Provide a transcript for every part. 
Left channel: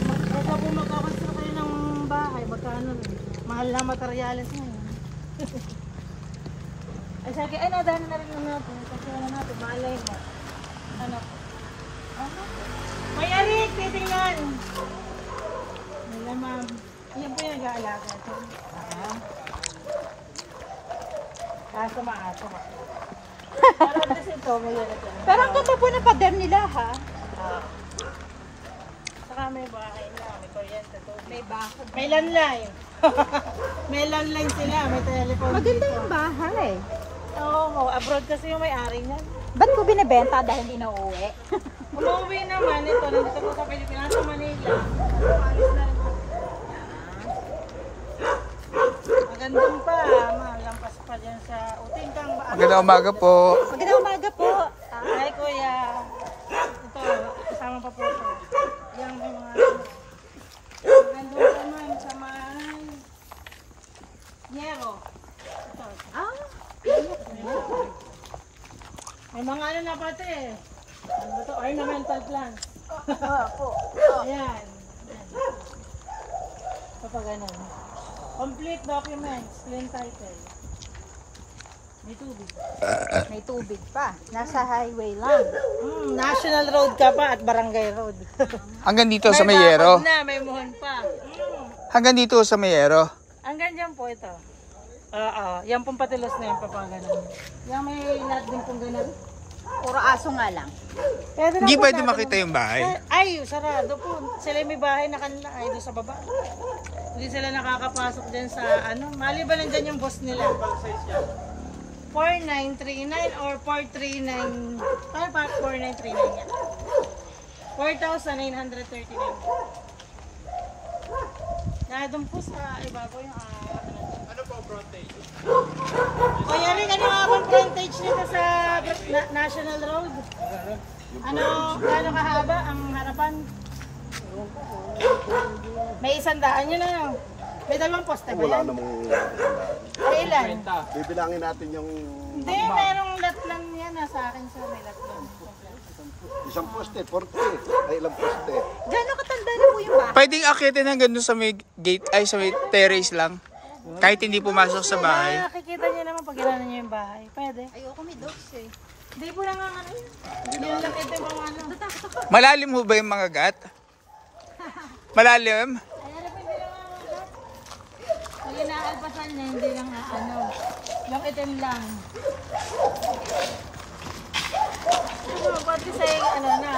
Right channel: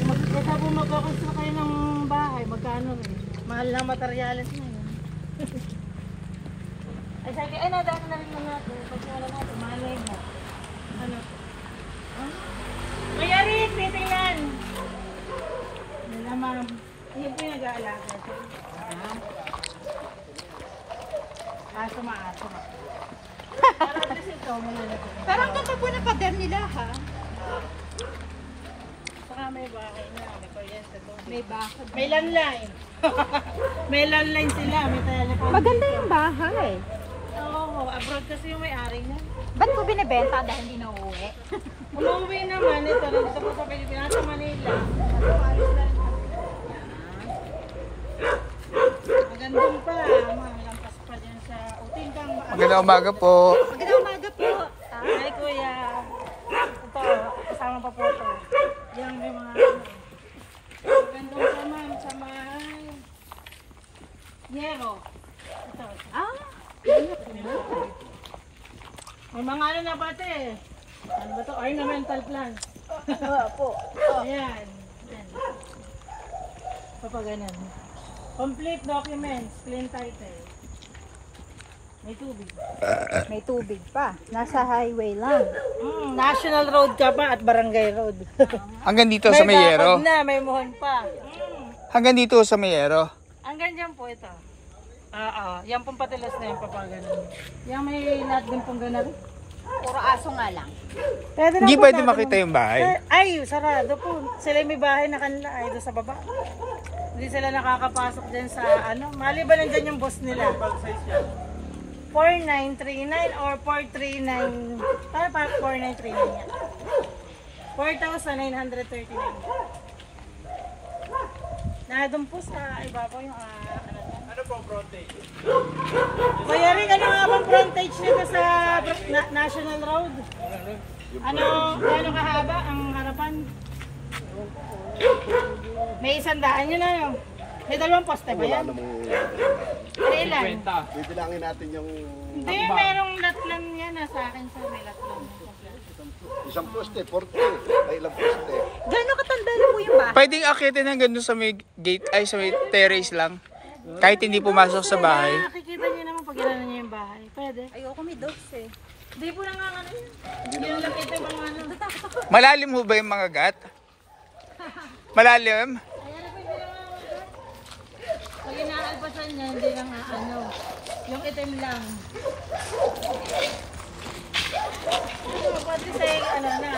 Magkakaconstruct kayo ng bahay, magkano rin? Mahal lang materialis ngayon. Ay, sabi, ay, nadaan na rin mga pagkala natin, malay mo. Ano? May anik, titingnan. Wala, ma'am. Ayan po yung nag-aalaga. Kaso maaso. Kasi ito, pero ang ganda po na pader nila, ha? saka may bahay nila, may kuryente doon. May bahay. May landline. May landline sila, may telephone. Maganda yung bahay. Oo, abroad kasi yung may-ari niya. Ba't ko binibenta dahil hindi na uuwi? Umuwi naman ito, nandito po sa Pilipinas, sa Manila. Magandang pa, lampas pa dyan sa Utingkang. Magandang umaga po. Magandang umaga po. Ay, kuya. Ito, kasama pa po ito. Yan yung mga magandang pa, ma'am, sa may Yero. Ito. Ah, May mga ano na pati eh. Ano ba ito? Ornamental plant. po. Ayan. Papaganan. Complete documents, clean title. May tubig. May tubig pa. Nasa highway lang. National road ka pa at barangay road. Hanggang dito sa Mayero. May may muhon pa. Hanggang dito sa Mayero. Hanggang dyan po ito. Yan pong patilos na yung papaganan. Yan may lahat din pong ganan. Puro aso nga lang. Hindi pwede makita yung bahay. Ay, sarado po. Sila may bahay na kanila ay doon sa baba. Hindi sila nakakapasok din sa ano. Maliban nandyan yung boss nila. 4939 or 439. Ay, 4939 yan. 4,939. Doon po sa ibabaw yung ano po, frontage? Kaya rin, ano nga bang frontage nito sa National Road? Ano, gano'ng kahaba ang harapan? May 100 yun ano? May 2 poste ba yan? Ay, ilan? Bibilangin natin yung Hindi, merong lot lang yan. Sa akin sa may lot lang. isang poste, 40. May ilang poste. Gano'n katanda na po yung bahay? Pwedeng akitin hanggang doon sa may gate, ay sa may terrace lang. Kahit hindi pumasok sa bahay. Nakikita niyo naman pag ginanon niyo yung bahay. Pwede. Ayoko may dogs eh. Hindi po lang ang ano yun. Hindi lang nakita yung mga ano. Malalim ho ba yung mga gat? Malalim? Ayan, napindi lang ang ano. Pag inaalpasan niya, hindi lang ano. Yung itim lang. Pati sa ano na.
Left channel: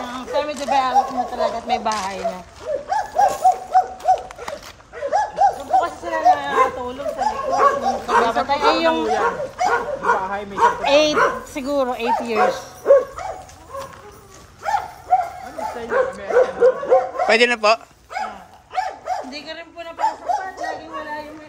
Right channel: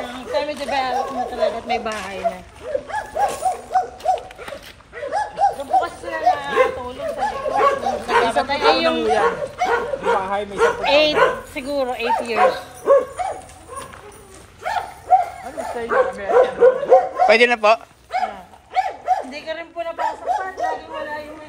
Yung semi-developed na talaga at may bahay na. Doon po kasi sila nakatulog sa likod. Sa kaya yung 8, siguro 8 years. Pwede na po? Hindi ka rin po napasok. Lagi wala yung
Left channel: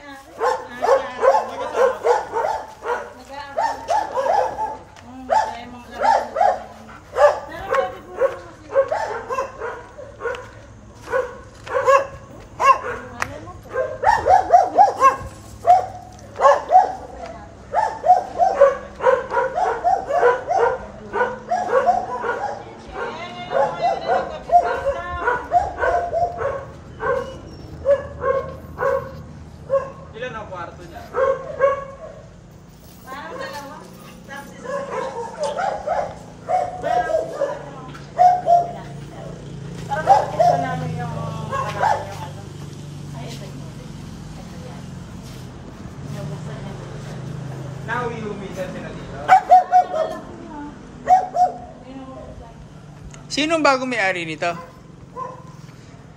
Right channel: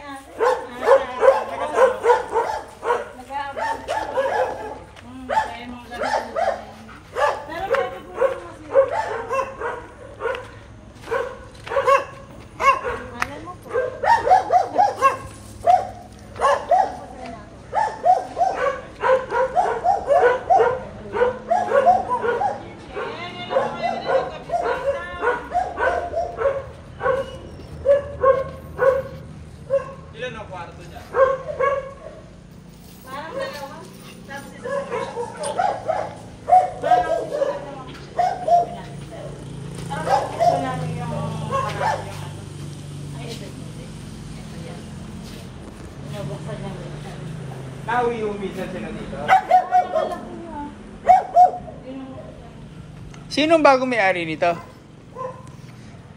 Sinong bagong may-ari nito?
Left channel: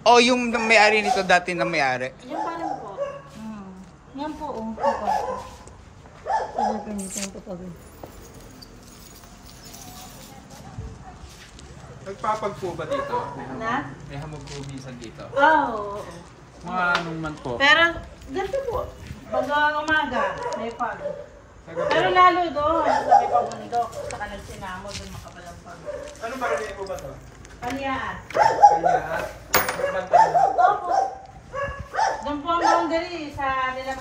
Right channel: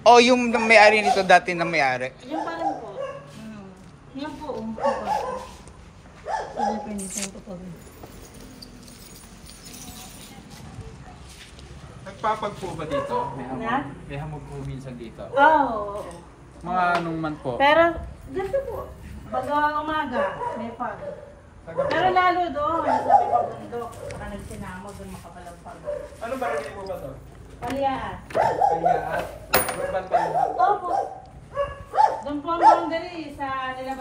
O yung may-ari nito dati na may-ari? yung parang po. Yan po. Nagpapag po ba dito? Na? May hamog po minsan dito. Oo. Mga anong man po? Pero, ganito po. Pag umaga, may pag. Pero lalo doon, sa may pabundok, sa kanal sinamo, doon makapalampag. Ano ba rin mo ba to? Paliaan. Kanya, Opo. Doon po ang boundary sa nila